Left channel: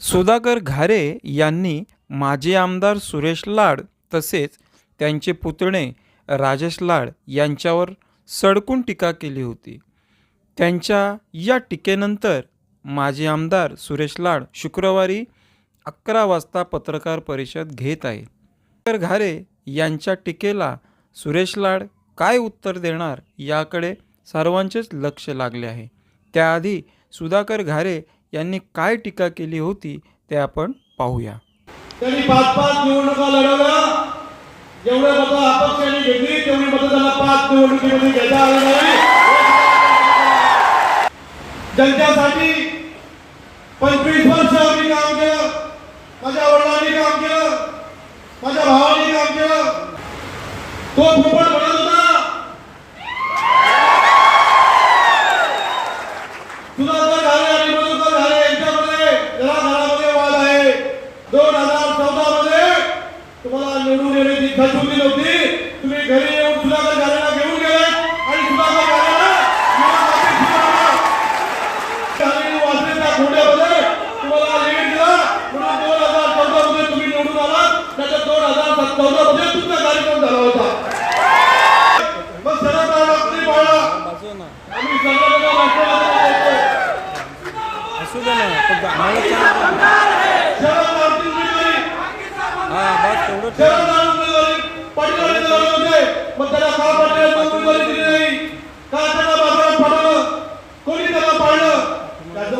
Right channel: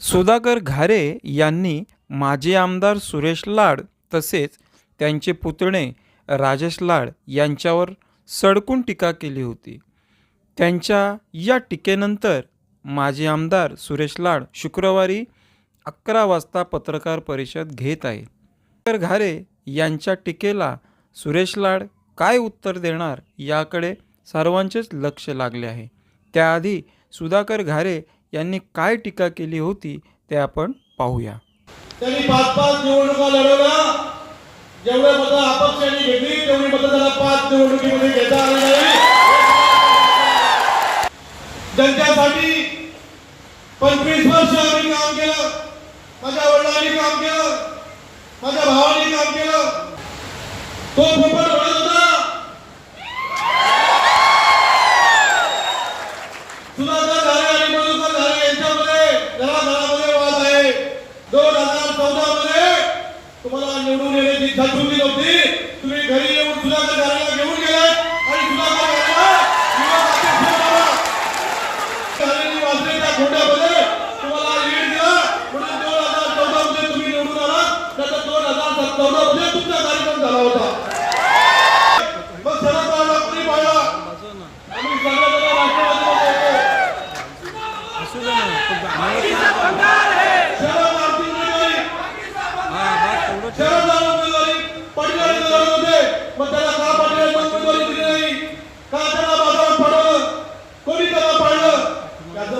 सुधाकर घारे यांनी माजी आमदार सुरेश लाड तसेच त्यांचे पुतणे राजेश लाड यांच्यावर सडकून टीका केली होती. त्यांच्या या टीकेनंतर माजी आमदार सुरेश लाड शुक्रवारी अकरा वाजता पत्रकार परिषद घेत आहेत तर घारे यांच्या टीकेला सुरेश लाड काय उत्तर देणार याकडे सर्वांचेच लक्ष लागले आहे. त्याआधी सुधाकर घारे यांनी काय टीका केली होती ते आपण पाहूया. त्यांनी पाच पाच निवडणुका लढवल्या. जेवढे मत अपक्षांनी घेतली तेवढी मत त्याला पाच निवडणुकीमध्ये घेता आली नाही. ज्यांच्यासाठी पंचवीस वर्ष आम्ही काम केलं. माझ्या वडिलांनी काम केलं. माझ्या भावाने काम केलं. तो फुकट म्हणत होता सुधाकर झाले आणि मधुकर झाले यांच्यामध्ये घराघरामध्ये वाद आहे दोन हजार चौदा मध्ये तुम्हाला निवडून येण्याची इच्छा ठेवली नव्हती. तुम्ही घरी येऊन सुधाकर झालेला घेऊन गेले आणि सुधाकर वाचलेल्या तुम्हाला लीड दिला. म्हणून दोन हजार चौदा मध्ये तुम्ही निवडून आलात. नंतर दोन हजार चौदा मध्ये तुमचा कार्यक्रम झाला होता. मग तुम्ही आम्ही सगळ्या राष्ट्रवादी असू दे ना